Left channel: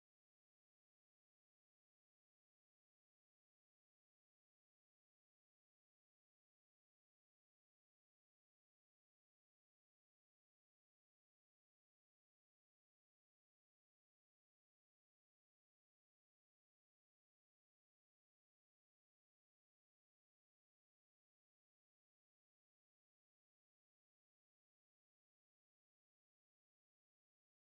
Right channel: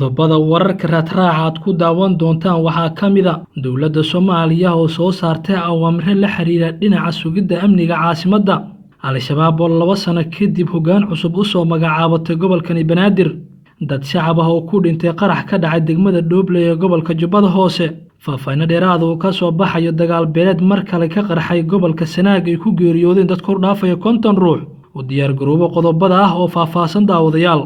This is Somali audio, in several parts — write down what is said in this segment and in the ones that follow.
qodobada wararka raadraaca aad ku daawan doontaan waxaa ka mid ah dowladda Soomaaliya oo soo saartay awaamir la xiriira dhinaca sugidda amniga caasimadda. Al-shabaab oo 2 sano kadib hoggaan cusub u soo magacaabatay gobolka Banaadir. Dad shacab ah oo ku dhintay qarax ka dhacay degmada Dooble ee gobolka Jubbada Hoose. Faahfaahin dheeraad ah oo ka soo baxayo dagaal beeleed mar kale ka qarxay gobolka Sanaag ay ku geeriyoodeen dad kor dhaafaya 50 ruux. U diyaar garoobo qodobada ah oo faahfaahsan daawadayaal.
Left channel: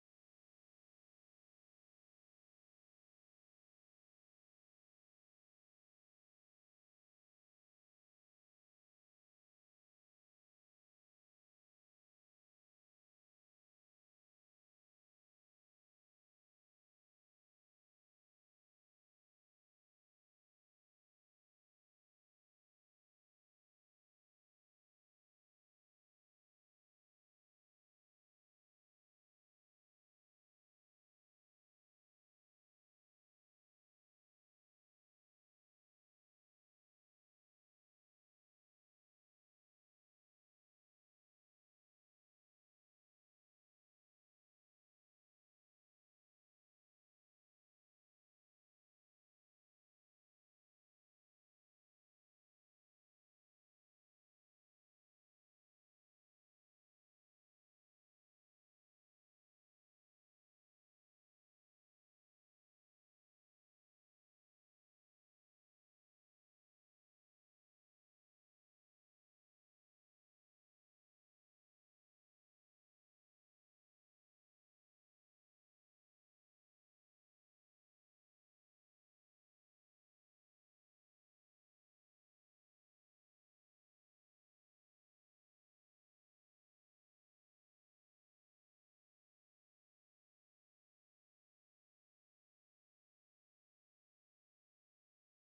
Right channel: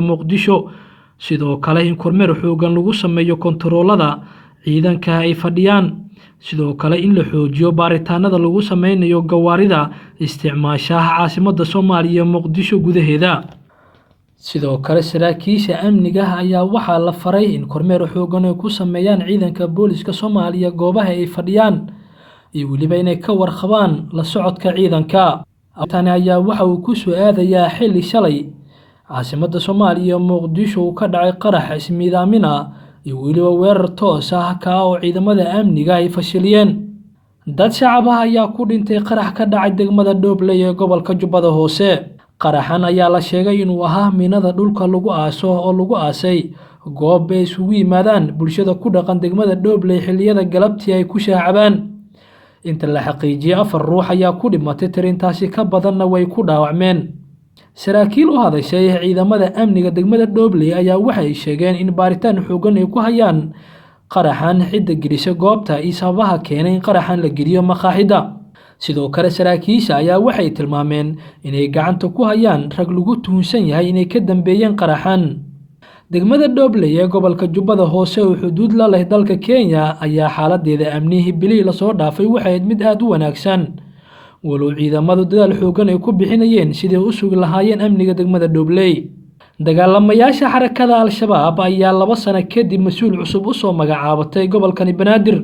Muqdisho sidoo kale in kormeer xoogan lagu sameeyo kontaroolada ciidanka ay fadhiyaan, sidoo kale in la xoojiyo baaritaanada lagu sameynayo gawaarida isticmaashaha caasimadda Soomaaliya Muqdisho gudaheeda. Sidoo kale saraakiisha amniga ayaa waxaa la faray in kormeer xoogan ay ku sameeyaan ciidanka booliska Soomaaliya goobaha ay fadhiyaan iyo waliba inay ka warqabaan la socodka ciidanka. Tani ayaa waxa uu ku soo aadayaa xilli shalay caasimadda Soomaaliya Muqdisho ka dhacay qarax ismiidaamin ah iyo waliba weerar toos ah oo ciidamada amniga ay fashiliyeen. Dad shacab ah ayaa ku dhintay qarax ka dhacay degmada Dooble ee gobolka Jubbada Hoose. Qaraxan ayaa la sheegay inuu ahaa miinada dhulka lagu aaso oo lagu aasay goob ay isugu yimaadaan bulshada ku dhaqan degmada Dooble xilliyada galabtii ay ku shaacabaan. Inta la xaqiijiyay 4 ruux ayaa ku dhimatay, tirintaasi ka badanna way ku dhaawacmeen. Saraakiil u hadashay ciidamada amniga degmada Dooble ayaa waxay sheegeen in baaritaan xoogan ay ku hayaan qaraxan cidda gelisay goobta iyo sababaha keenay in qaraxan la geliyo maqaaxida. Sidoo kale saraakiisha ayaa waxay tilmaameen inay gacanta ku hayaan rag lagu tuhunsan yahay inay ka dambeeyeen qaraxan. Degmada Dooble ee gobolka Jubbada Hoose oo xuduud la leh dalka Kenya ayaa xaaladeeda amni bilii la soo dhaafay waxay mid aad u wanaagsan. walow ciidamadu dadaal xoogan ay ku bixinayeen sidii u sugi lahaayeen amniga degmada Dooble. Dagaalamayaasha xarakada Al-shabaab ayaa 2 sano kadib mas'uul cusub u soo magacaabatay gobolka Banaadir.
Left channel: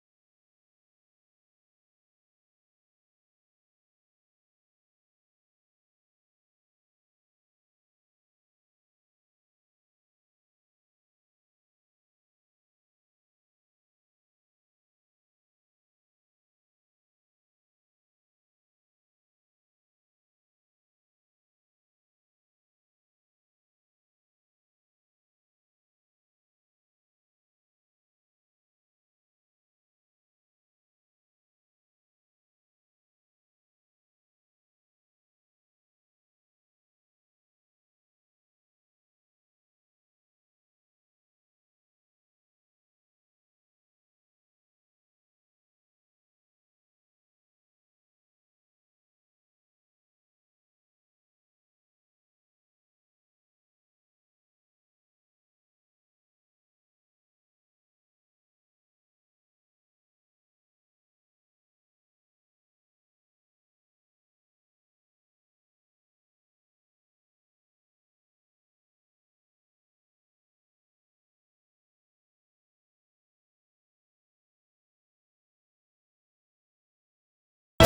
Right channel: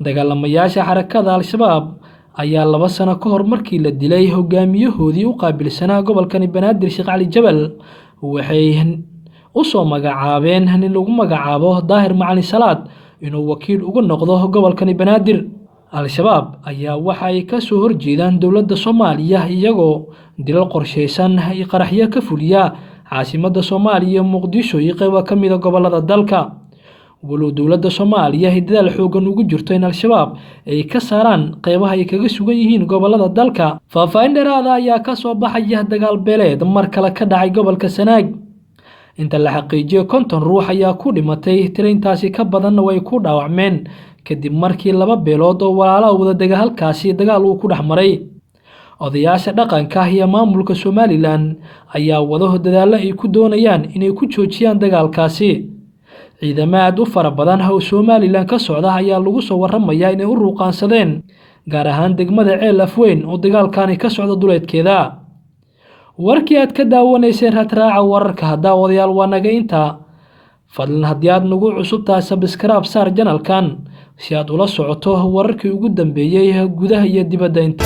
Dagaalamayaasha xarakada Al-shabaab ayaa 2 sano ka hor markii la dilay hogaamiyahoodii u qaabilsanaa gobolka Banaadir Sheekh Cali Jabal waxay u soo magacaabeen nin lagu magacaabo Daahir Macalin Salaad inuu wakiil uga noqdo gobolka Banaadir. Al-shabaab ayaa waxa ay ka soo horjeedaan dowladda Soomaaliya iyagoo dilal qorsheysan iyo qaraxyo ka fuliya caasimadda Soomaaliya Muqdisho iyo qaybo ka mid ah gobolada dalka. walow dowladda Soomaaliya ay dadaal xoogan ugu jirto in Al-shabaab ay ka saaraan qaybaha ay kaga sugan yihiin gobolada dalka. Faahfaahin dheeraad ah ayaa ka soo baxaya dagaal beeleed mar kale ka dhacay gobolka Sanaag. Inta la xaqiijiyay 50 ruux ayaa ku dhimatay, tirintaasi ka badanna way ku dhaawacmeen kadib markii 2 beelood oo walaalo wada dagaalkaasi dagaal uu ku dhaxmaray. Odayaasha dhaqanka iyo maamulka Somaliland ayaa wado dadaalo ay ku doonayaan inay ku joojiyaan dagaalkaasi. Ciidamada u fara badan oo Somaliland ka socda ayaa lagu soo waramayaa inay u ruqaansadeen gaar ahaan degmada Ceel Afweyn oo dagaalkani ka socdo duleedkeeda. Warkii aad ka daawanayseen raadraaca wararka daawadayaal waa naga inta. Fadlan haddii aad nagu cusub tahay subscribe saar channelkan si aad ula socoto wararkii ugu dambeeyay gudaha iyo dibadda inta.